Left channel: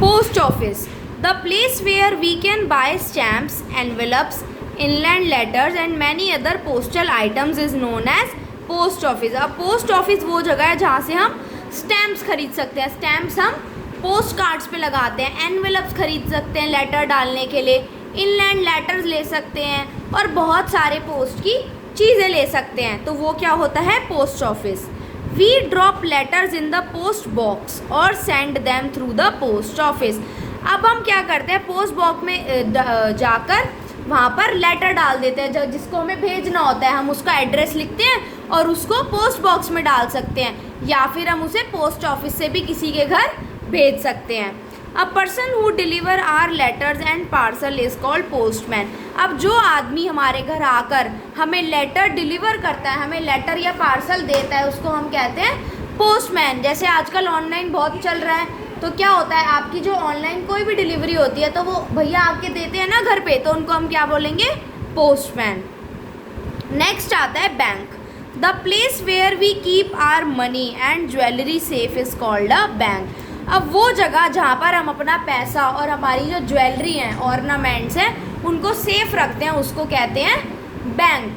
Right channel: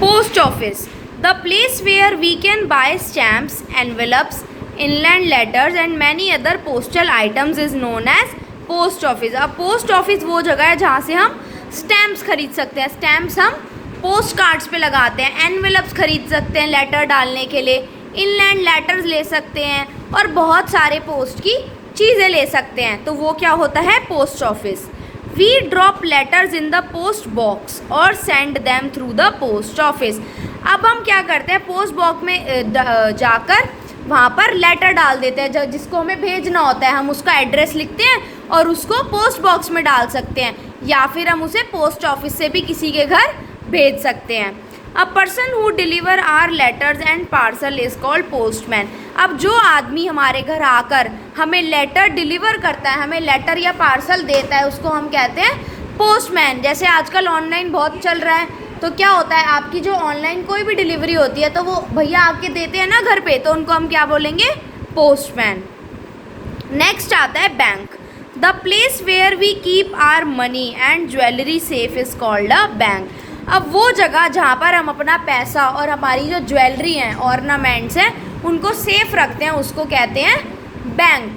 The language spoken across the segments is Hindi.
Post office, the place where we can buy stamps, envelopes, inland letters and many other postal items is known as post office. अब पोस्ट ऑफिस वो जगह है जहाँ से हम स्टैम्प्स खरीद सकते हैं. स्टैम्प्स हम पोस्ट कार्ड्स पे लगाते हैं. एनवेलप्स खरीद सकते हैं लेटर डालने के लिए. इनलैंड लेटर्स ले सकते हैं और बहुत सारे पोस्ट की चीज़ें ले सकते हैं. तो वो क्या होता है? Post office. We drop letters in the post box और send them through the post office. अब हम क्या करते हैं? पोस्ट बॉक्स में जाकर वहाँ पर लेटर डाल देते हैं. जिसको हमें भेजना होता है हम उसका एड्रेस लिखते हैं और उसको पोस्ट बॉक्स में डाल सकते हैं, या फिर हम उसे पोस्ट ऑफिस से भी किसी के घर भेज सकते हैं. A person who deliver our letters and parcel is called postman. अब जो आदमी हमारे घर आकर हमें लेटर डिलीवर करता है, हमें लेटर या पार्सल देता है, उसको हम कहते हैं पोस्टमैन. जैसे आजकल ऑनलाइन बहुत चल रहा है, तो क्या होता है, आपकी जो ऑनलाइन कोई भी डिलीवरी होती है तो वो भैया आके देते हैं ना घर पे, तो उनको हम क्या बोलेंगे? पोस्टमैन. नेक्स्ट आता है bank. The place where we keep our money and jewellery safe is called a bank. अब वो जगह जहाँ पर हम अपना पैसा और हमारी जो ज्वेलरी हैं, ऑर्नामेंट्स हैं, उनको सेफ रखते हैं, उसको कहते हैं bank.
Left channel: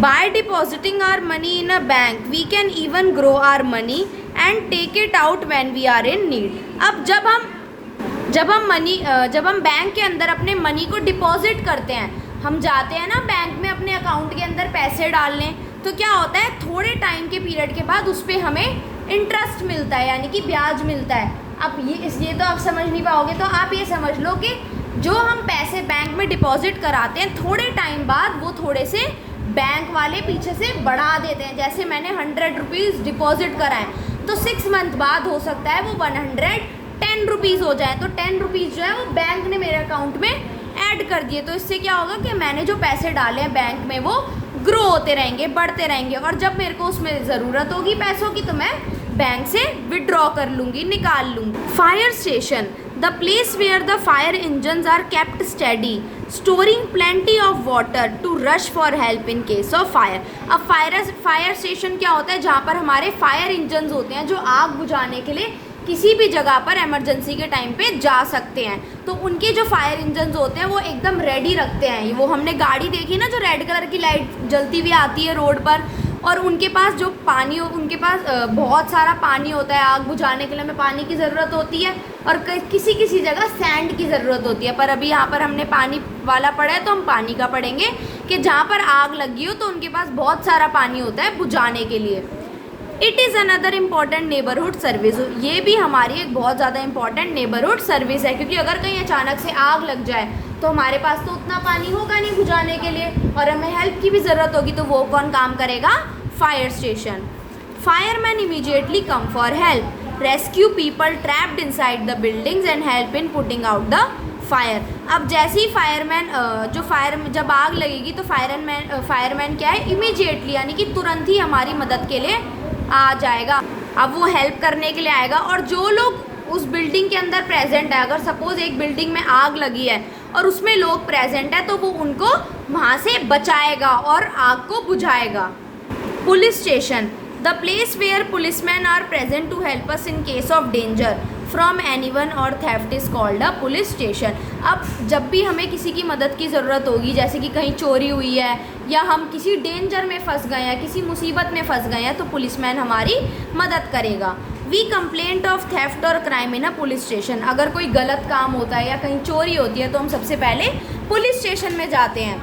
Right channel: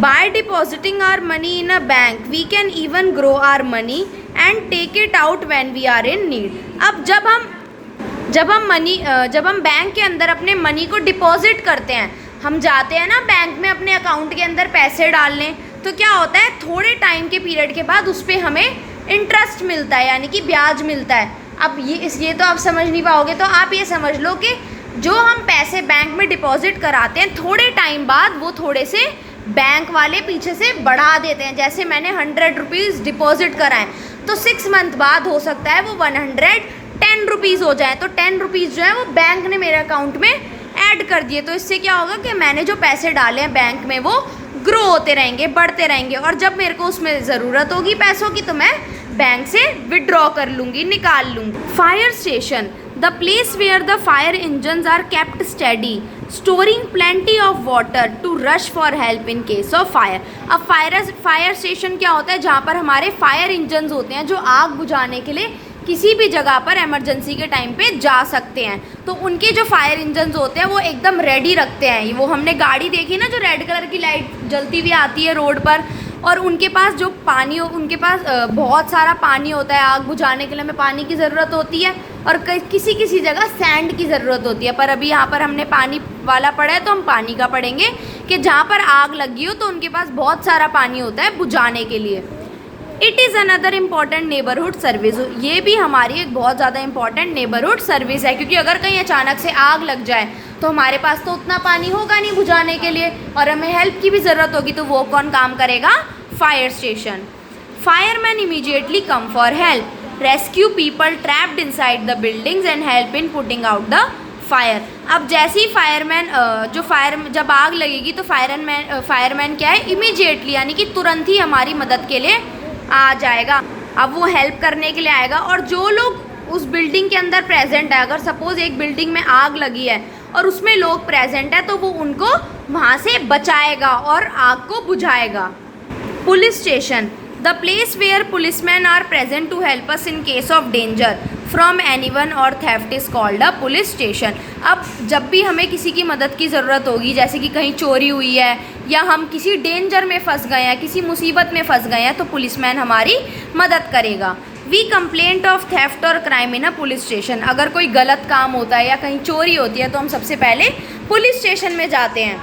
By depositing our money in a bank we can even grow our money and take it out when we are in need. अब जब हम बैंक के अंदर अपने मनी को डिपॉजिट करते हैं, हम जाते हैं ना बैंक में अपने अकाउंट के अंदर पैसे डालने, तो क्या होता है, थोड़े टाइम के पीरियड के बाद उस पर हमें इंटरेस्ट मिलता है, यानी कि ब्याज मिलता है. अब ये तो आप समझ नहीं पाओगे, तो आप ये समझ लो कि जो हम पैसे बैंक में डिपॉजिट कराते हैं, थोड़े टाइम बाद वो थोड़े से बैंक वाले पीछे से बढ़ा देते हैं. जैसे मैंने 100 रुपीज़ डिपॉजिट कराएं, तो 6 मंथ बाद हो सकता है वो 110 रुपीज़ हो जाए. तो 10 रुपीज़ जो है वो बैंक ने मेरे अकाउंट में ऐड कर दिए. तो इससे क्या होगा कि मैंने जो पैसे डाले हैं बैंक में वो ग्रो होते रहेंगे, बढ़ते रहेंगे, और जब मेरे को उसमें ज़रूरत होगी पैसों की तो मैं बैंक से विड्रॉ कर लूँगी, निकाल लूँगी. Fire station, the place where the fire engines are kept study storing plenty of water to rush for help in case of fire. अब फायर स्टेशन क्या होता है? जहाँ पर हमारे फायर इंजन्स होते हैं जो आग बुझाने के लिए किसी भी जगह पर इमरजेंसी के टाइम पे जा सकते हैं. तो उनके जो फायर इंजन्स होते हैं वो एकदम रेडी रखते हैं. वो हमने गाड़ी देखी ना, जो रेड कलर की लाइट जलती हुई आती है रोड पर, और उनके पास जो पानी हो, उनके पास बहुत सारा पानी होता है. आग बुझाने के लिए हमें पानी की ज़रूरत होती है, और किसी किसी जगह सैंड की ज़रूरत होती है. पर अभी यहाँ पर हमने पानी वाला पढ़ा है तो हम पानी का पढ़ेंगे कि जहाँ पर आग लगी हो तो उनके पास बहुत सारा पानी होता है बुझाने के लिए. It is another important neighbourhood service. ये भी हमारी एक बहुत ज़्यादा इम्पॉर्टेंट नेबरहुड सर्विस है, क्योंकि अगर कहीं अचानक से आग लग जाए तो हमारे पास तो उतना पानी होगा नहीं बुझाने के लिए, और हमें हेल्प की भी ज़रूरत होगी. तो वो कौन काम करेगा? Fire station. Fireman immediately come for help, rescue people trapped inside the buildings and help in putting out the fire. अब जैसे ही जब आग लगेगी तो फायरमैन क्या है? इमीडिएटली, यानी कि तुरंत ही हमारी मदद के लिए आ जाएगा. अब वो हेल्प करने के लिए आएगा, और जो लोग उस बिल्डिंग के अंदर प्रेजेंट है, अगर सपोज एक बिल्डिंग में आग लगी है और उसमें लोग प्रेजेंट है, तो वो उनको वहाँ से बचाएगा और आग को बुझाएगा. Police station, the place where policeman are present to help us in case of danger from anyone or theft is called a police station. अब जब भी हमें किसी की मदद की ज़रूरत होगी, जैसे कि कहीं चोरी हुई है या हम किसी डेंजर में फंस गए हैं, किसी मुसीबत में फंस गए हैं, तो पुलिसमैन हमारी मदद करेगा. वी कंप्लेंट ऑफ थेफ्ट और क्राइम इन अ पुलिस स्टेशन. अगर कोई गलत काम होता है या कहीं चोरी होती है तो हम सबसे पहले पुलिस स्टेशन में जाते हैं.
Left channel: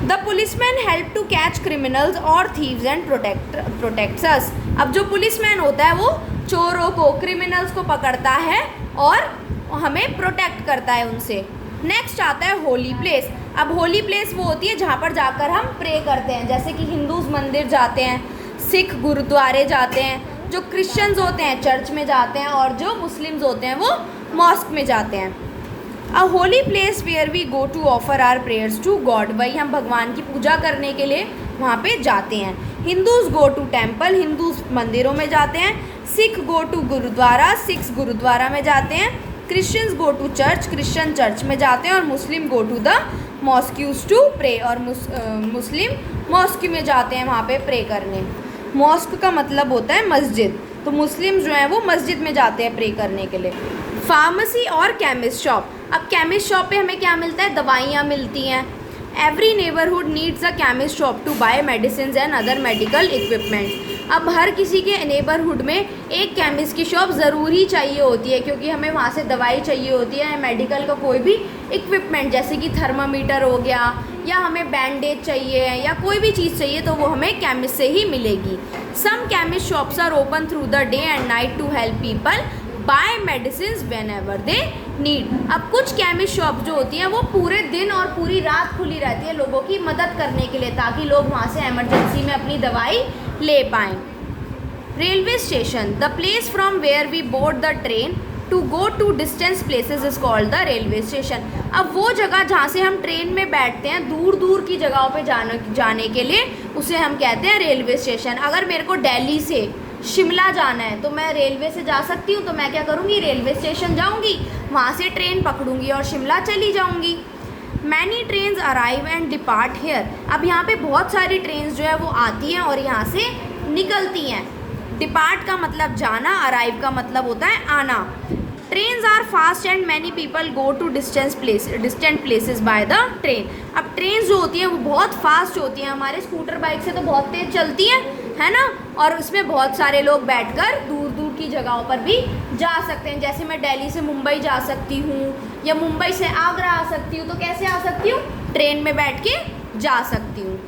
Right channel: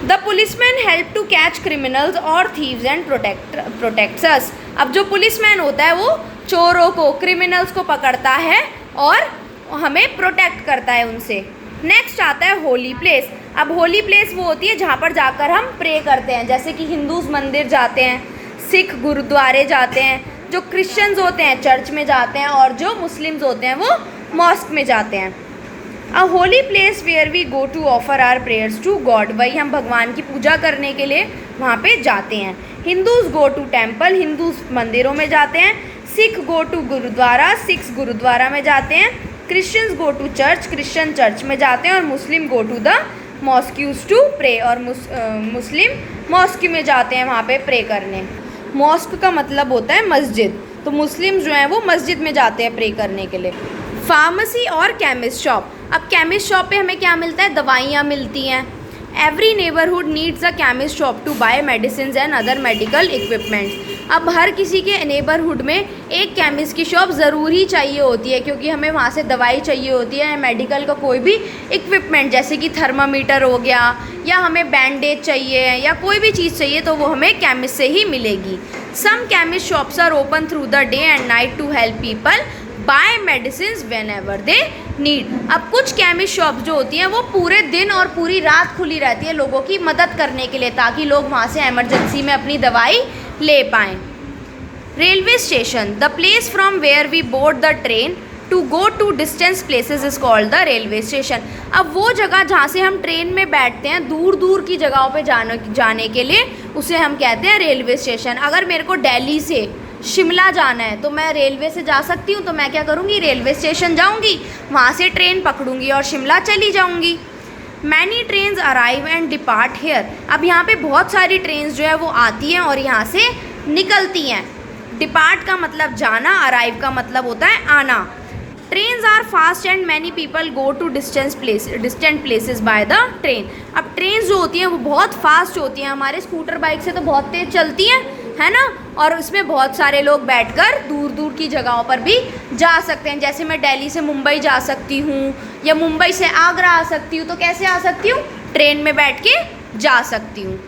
The policeman help to catch criminals और थीव्स एंड प्रोटेक्ट्स अस. अब जो पुलिसमैन होता है वो चोरों को, क्रिमिनल्स को पकड़ता है और हमें प्रोटेक्ट करता है उनसे. नेक्स्ट आता है होली प्लेस. अब होली प्लेस वो होती है जहाँ पर जाकर हम प्रे करते हैं. जैसे कि हिंदूज़ मंदिर जाते हैं, सिख गुरुद्वारे जाते हैं, जो क्रिश्चियंस होते हैं चर्च में जाते हैं, और जो मुस्लिम्स होते हैं वो मॉस्क में जाते हैं. A holy place where we go to offer our prayers to God. वही हम भगवान की पूजा करने के लिए वहाँ पे जाते हैं. Hindus go to temple, Hindu मंदिरों में जाते हैं. सिख गो टू गुरुद्वारा, सिख्स गुरुद्वारा में जाते हैं. Christians go to church, Christian church में जाते हैं. और Muslim go to the mosques to pray, और मुस्लिम मॉस्क में जाते हैं वहाँ पे प्रे करने. मॉस्क का मतलब होता है मस्जिद. तो मुस्लिम जो हैं वो मस्जिद में जाते हैं प्रे करने के लिए। फार्मेसी और केमिस्ट शॉप। अब केमिस्ट शॉप पे हमें क्या मिलता है? दवाइयाँ मिलती हैं। Every neighbourhood needs a chemist shop to buy medicine and other medical equipments. अब हर किसी के नेबरहुड में एक केमिस्ट की शॉप ज़रूर ही चाहिए होती है, क्योंकि हमें वहाँ से दवाई चाहिए होती है, मेडिकल का कोई भी इक्विपमेंट जैसे कि थर्मामीटर हो गया, या हमें बैंडेज चाहिए या कोई भी चीज़ चाहिए तो वो हमें केमिस्ट से ही मिलेगी। Some chemist shops are open through the day and night to help people buy medicine whenever they need. अब कुछ केमिस्ट शॉप जो होती हैं वो पूरे दिन और पूरी रात खुली रहती है लोगों की मदद करने के लिए, ताकि लोग वहाँ से इमरजेंसी में अपनी दवाई ले पाएँ। Railway station, the place from where we board the train to go to distance places is called the railway station. अब वो जगह जहाँ से हम ट्रेन में बैठते हैं दूर दूर की जगहों पे जाने के लिए उसे हम कहते हैं रेलवे स्टेशन। अगर मेरे को दिल्ली से शिमला जाना है तो मैं रेलवे से जा सकती हूँ, तो मैं क्या करूँगी? रेलवे स्टेशन जाऊँगी, वहाँ से ट्रेन पकड़ूँगी और शिमला चली जाऊँगी। Many trains arrive and depart here. अब यहाँ पे बहुत सारी ट्रेन्स जो है वो आती हैं और यहाँ से निकलती हैं। डिपार्ट का मतलब जाना, अराइव का मतलब होता है आना। Trains are fast and many people go to distant places by the train. अब ट्रेन जो होती हैं वो बहुत फास्ट होती हैं, हमारे स्कूटर बाइक से तो बहुत तेज़ चलती हैं, है ना, और इसमें बहुत सारे लोग बैठकर दूर दूर की जगहों पर भी जा सकते हैं। जैसे मैं दिल्ली से मुंबई जा सकती हूँ या मुंबई से आगरा आ सकती हूँ, तो कैसे आ सकती हूँ? ट्रेन में बैठ के जा सकती हूँ।